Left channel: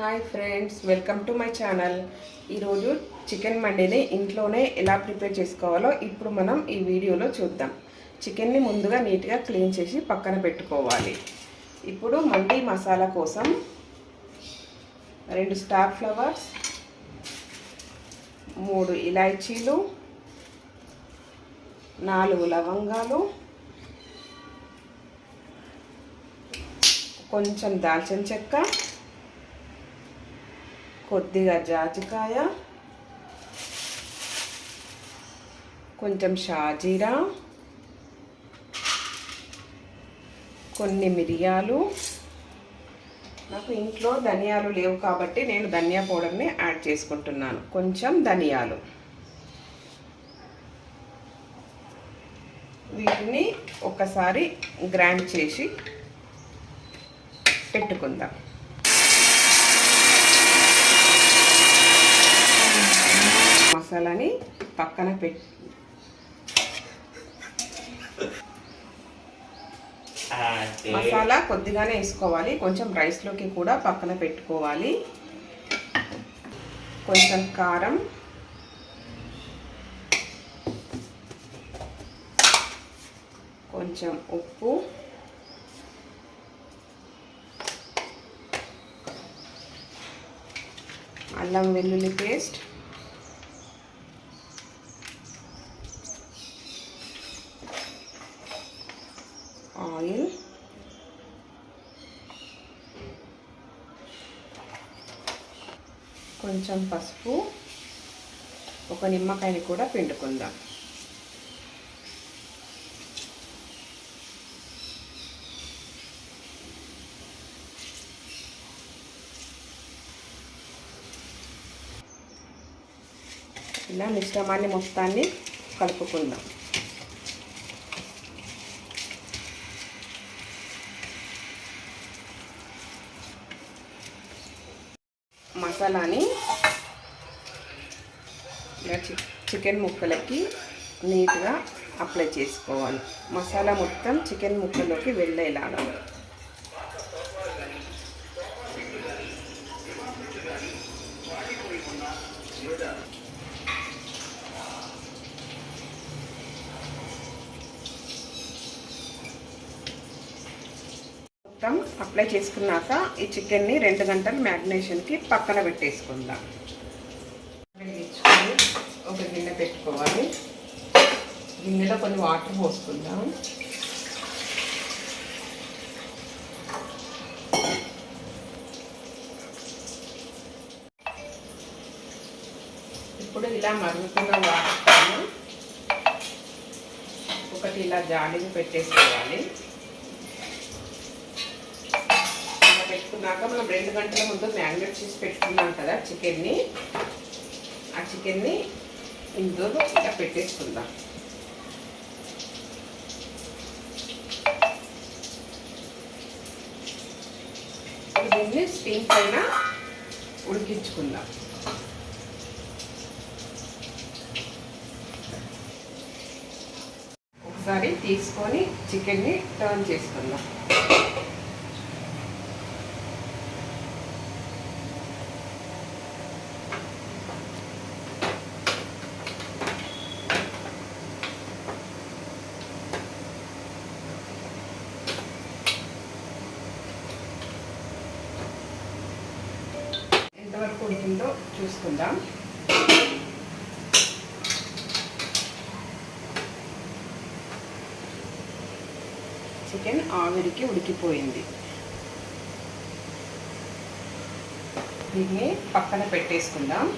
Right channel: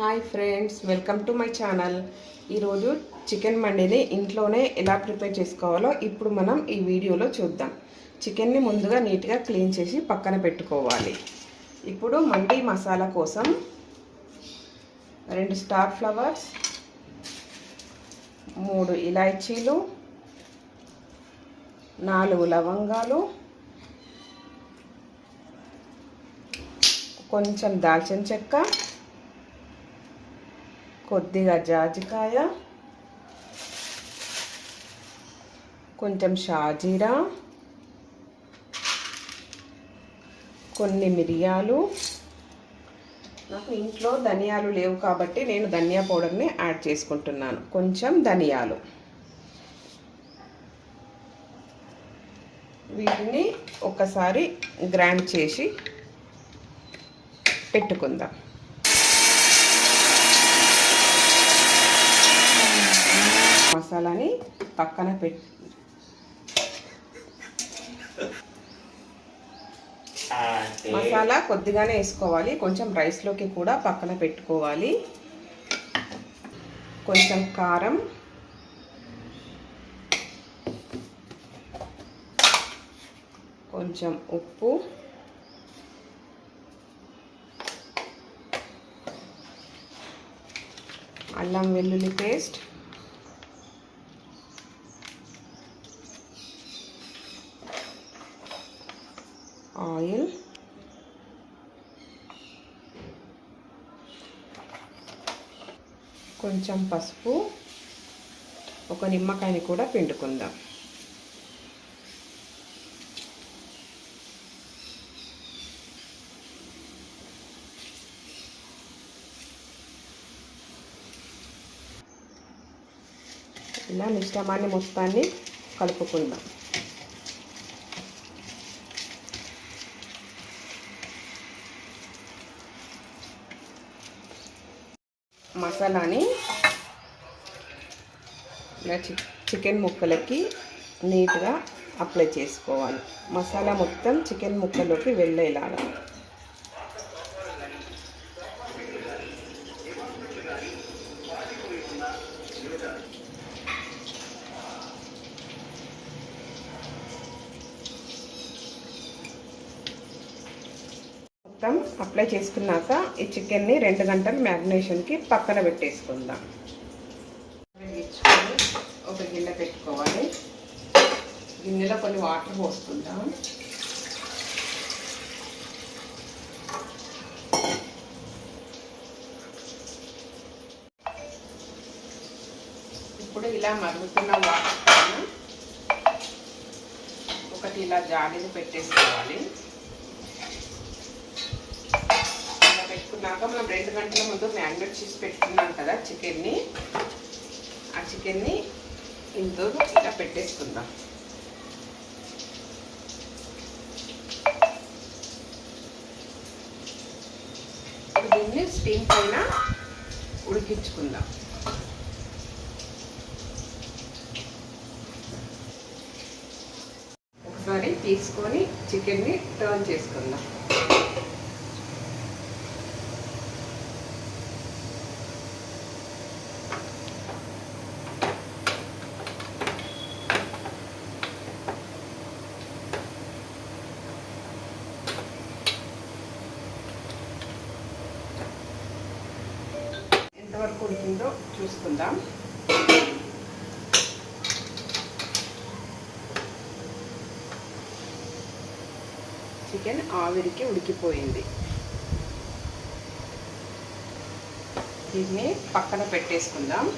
Hi friends, welcome to my channel. ఈరోజు chicken మండీని ఇంట్లోనే ఎలా ప్రిపేర్ చేసుకోవాలో ఇప్పుడు మనం ఈ వీడియోలో చూద్దాం. చికెన్ని ముందుగా నీట్గా క్లీన్ చేసి పక్కన పెట్టుకోవాలి. ఇప్పుడు మండీ మసాలా కోసం 2 స్టార్ ఫ్లవర్స్, 3 ఇలాచీలు, 4 లవంగాలు, కొంచెం దాల్చిన చెక్క, కొద్దిగా జాజికాయ, కొంచెం షాజీరా, కొన్ని మిరియాలు. నాకు ఇంట్లో ధనియాలు లేవు కాబట్టి నేను ధనియా పౌడర్ని యాడ్ చేసుకుంటున్నాను. కొంచెం ధనియాలు. వీటిని ఒకసారి గ్రైండ్ చేసి పెట్టుకుందాం. మసాలాని పక్కన పెట్టి మసాలా కొద్దిగానే వేసుకోవాలి. కొంచెం రైస్లోకి కూడా పక్కన పెట్టుకోవాలి. కొంచెం కారం, కొంచెం ఉప్పు, అల్లం వెల్లుల్లి పేస్ట్, ఆయిల్, కొంచెం పసుపు, ఒక నిమ్మకాయని కూడా పిండుకుందాం. ఇలా మిశ్రమాన్ని మొత్తాన్ని కలుపుకుందాం. మసాలాని ఇలా చికెన్ ముక్కలకి నీట్గా అప్లై చేసుకోవాలి. మసాలా మొత్తం చికెన్ ముక్కలోకి వెళ్ళేలాగా. మొత్తం అప్లై చేసుకున్నాక ఈ చికెన్ని 2 గంటలు మ్యారినేషన్కి పక్కన పెట్టేసుకుందాం. ఒక గిన్నె పెట్టుకోవాలి. గిన్నెలో కొన్ని వాటర్ పోసుకుందాం. ఇప్పుడు ఇలా మరుగుతున్న వాటర్ ఒకటి ఇలా జాడీని పెట్టేసుకోవాలి. పెట్టుకున్నాక మనం 2 గంటల ముందు మ్యారినేట్ చేసి పెట్టుకున్నాం కదా చికెన్ని, ఆ చికెన్ని ఇందులో ఇలా పెట్టేసుకుందాం. దీన్ని స్టీమ్ పైన ఉడికించుకుందాం. ఒకసారి తీసుకొని చికెన్ని టర్న్ చేసుకుందాం. ఎంతవరకు ఉడికిందో చూసుకుందాం. చికెన్ ఆవిరికి ఉడికిపోయింది. దీన్ని పక్కన పెట్టేసుకుందాం.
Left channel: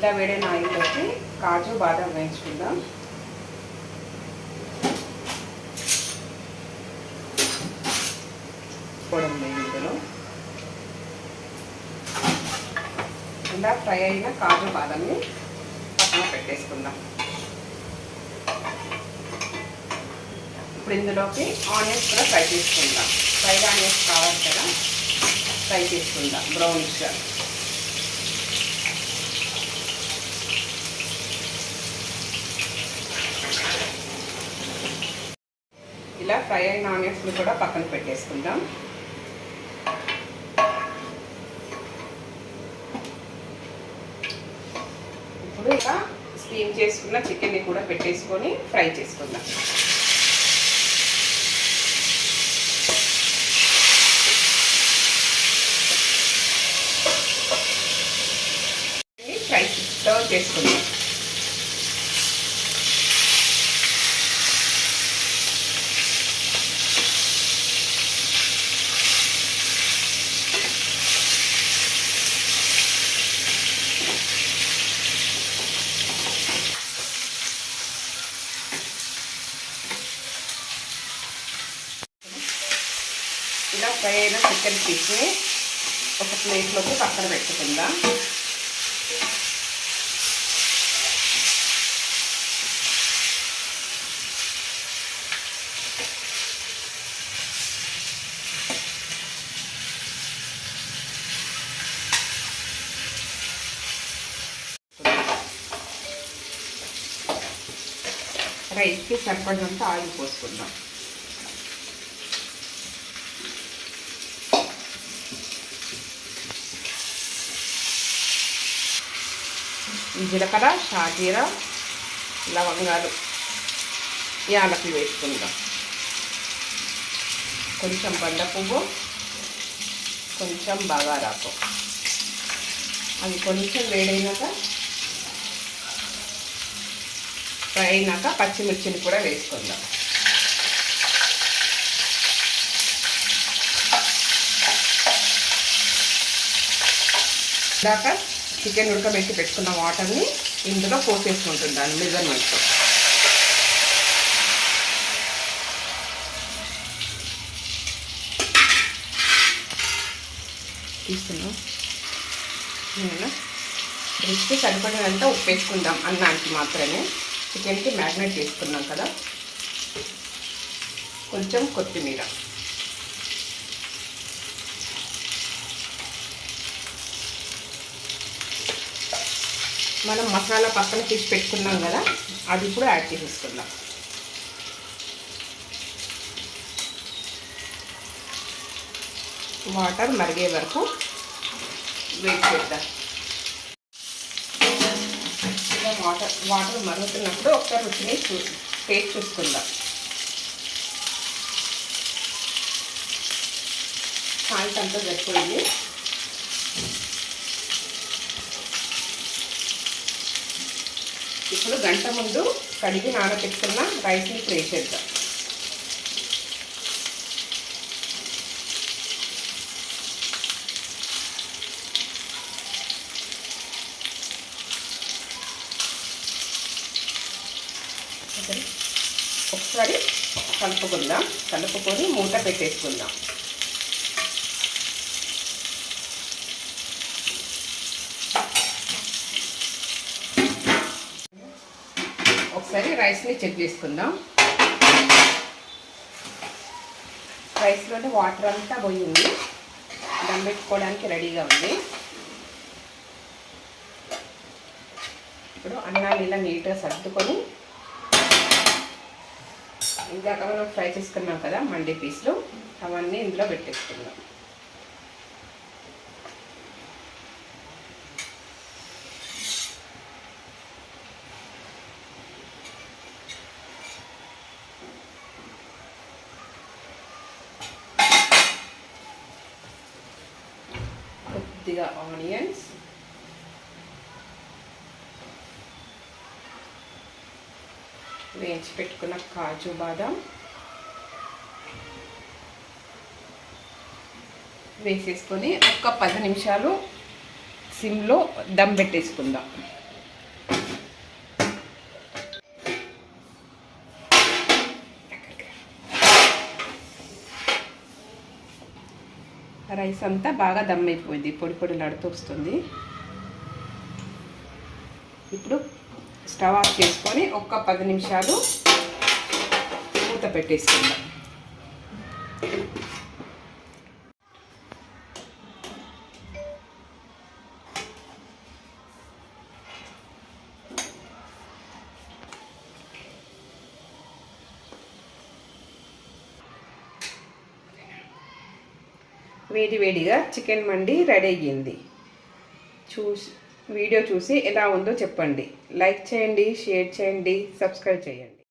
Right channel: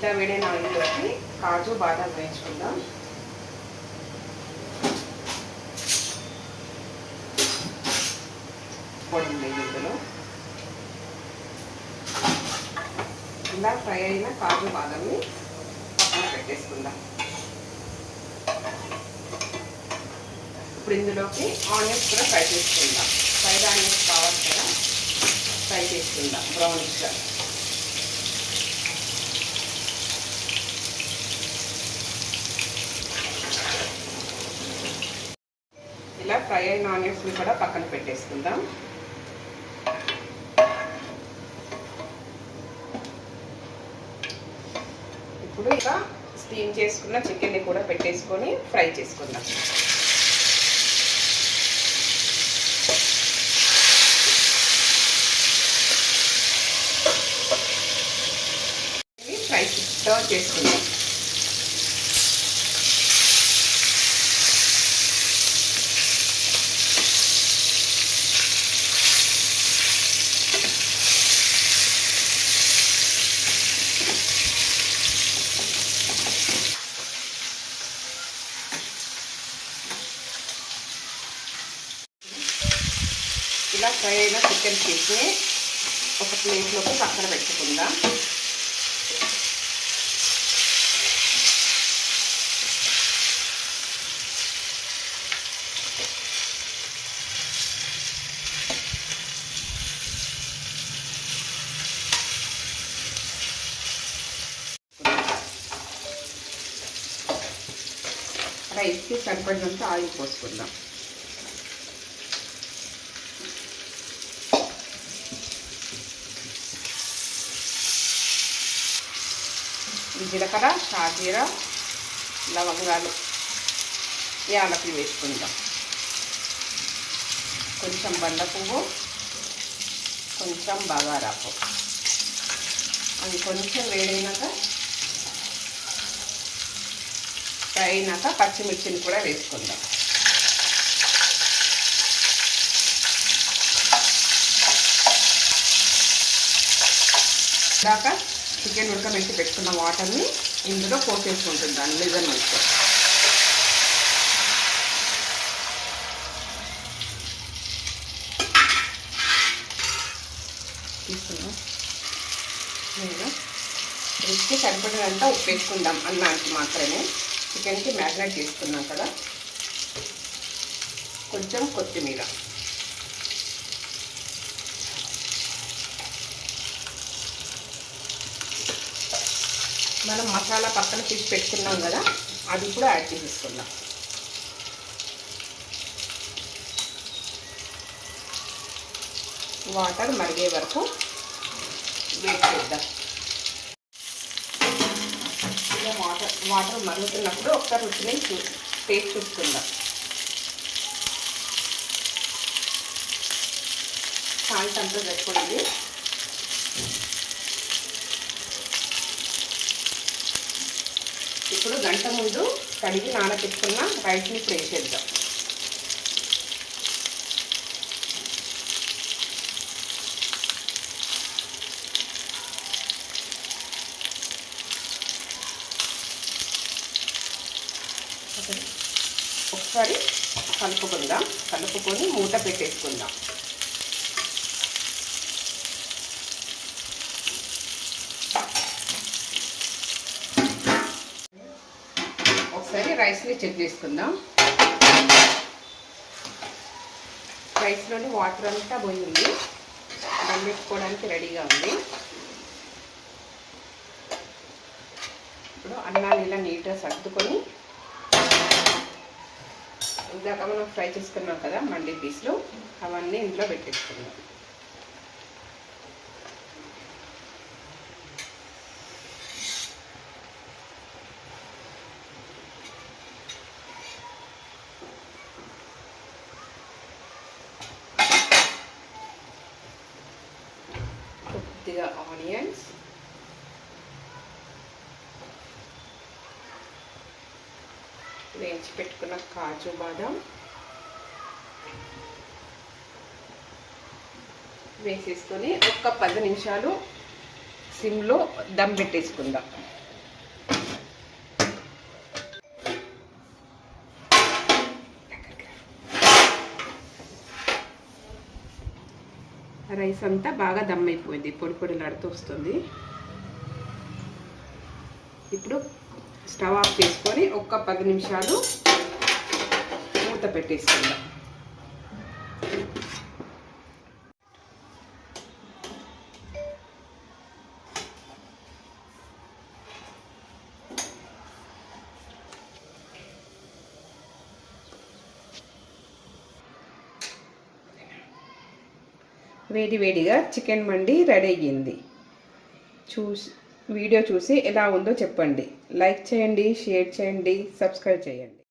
ఇలా వేడైన ఆయిల్లోకి కాజు బాదాం వేయించుకుందాం. ఇందులో ఇలా ఫ్రై అయిన కాజు బాదాంని పక్కన పెట్టేసుకుందాం. ఇప్పుడు ఇందులోకి ఆనియన్స్ కూడా ఫ్రై చేసుకుందాం. ఫ్రైడ్ ఆనియన్స్ కావాలి కదా, ఫ్రై చేసుకుందాం బ్రౌనిష్గా. ఇలా ఫ్రై అయిన ఆనియన్స్ని కూడా పక్కన పెట్టేసుకుందాం. ఇప్పుడు ఇలా స్టీమ్ చేసుకున్న చికెన్ని కూడా పెట్టేసుకొని ఫ్రై చేసుకుందాం. ఫ్రై సర్వ్ చేసుకుందాం. ఇలా ఫ్రై అయిన చికెన్ పీస్ని ఒక ప్లేట్లోకి పక్కన పెట్టుకుందాం. రైస్కి సరిపడినంత ఆయిల్ పోసుకుందాం. జీలకర్ర, షాజీరా, లవంగాలు, యాలకులు వేసుకుందాం. కొంచెం బండ పువ్వు, కొంచెం బగారాకు. అది కొంచెం వేడైనాక ఫ్రై అయినాక పచ్చిమిర్చిని కూడా వేసుకుందాం. ఇందాక చికెన్ ఉడకబెట్టి పెట్టుకున్న వాటర్ని ఇందులో పోసేసుకుంటుంది దాని మెజర్మెంట్. తీసుకున్నాం. రుచికి సరిపడినంత ఉప్పు వేసుకుందాం. అన్నానికి మాత్రమే, చికెన్కి మ్యారినేట్ చేసుకున్నాం కదా. కొంచెం కొత్తిమీర, మనం మసాలా పక్కన తీసి పెట్టుకున్నాం కదా, అది కూడా యాడ్ చేసేసుకుందాం. వాటర్ మరిగే వరకు వెయిట్ చేద్దాం. ఇలా వాటర్ మరుగుతున్నప్పుడు ఒకసారి రుచిని టేస్ట్ చూసుకుందాం. సాల్ట్ అంతా సరిపోయింది. ఇప్పుడు గంట ముందు కడిగి నానబెట్టుకున్న రైస్ని వేసేద్దాం. ఒకసారి కలుపుకొని మూత పెట్టేసుకుందాం. ఒకసారి రైస్ని చెక్ చేసుకుందాం. రైస్లోనే వాటర్ అంతా పోయింది, దమ్ పెట్టుకోవడానికి రెడీగా ఉంది. ఇప్పుడు అన్నాన్ని ఇలా నీట్గా సర్దుకొని, ఇందాక మనం ఫ్రై చేసుకున్నాం కదా మండి పీస్లు, అవన్నీ ఇందులో పెట్టేసుకుందాం. కొద్దిగా ఆనియన్స్, వేయించి పెట్టుకున్న కాజు బాదాం వేసేసుకొని ఒక 10 నిమిషాలు సిమ్లో దమ్ పెట్టేసుకుందాం. రైస్ అంతా బాగా దమ్ అయిపోయింది, పొడి పొడిలాడుతూ వస్తుంది. ఇప్పుడు స్టవ్ ఆఫ్ చేసుకొని ఒక 10 నిమిషాలు మూత పెట్టేసుకుందాం. వేడివేడిగా చికెన్ మండి రెడీ అయ్యింది. వీడియో చూసి ఎలా ఉందో చెప్పండి. లైక్ చేయండి, షేర్ చేయండి, సబ్స్క్రైబ్ చేయండి.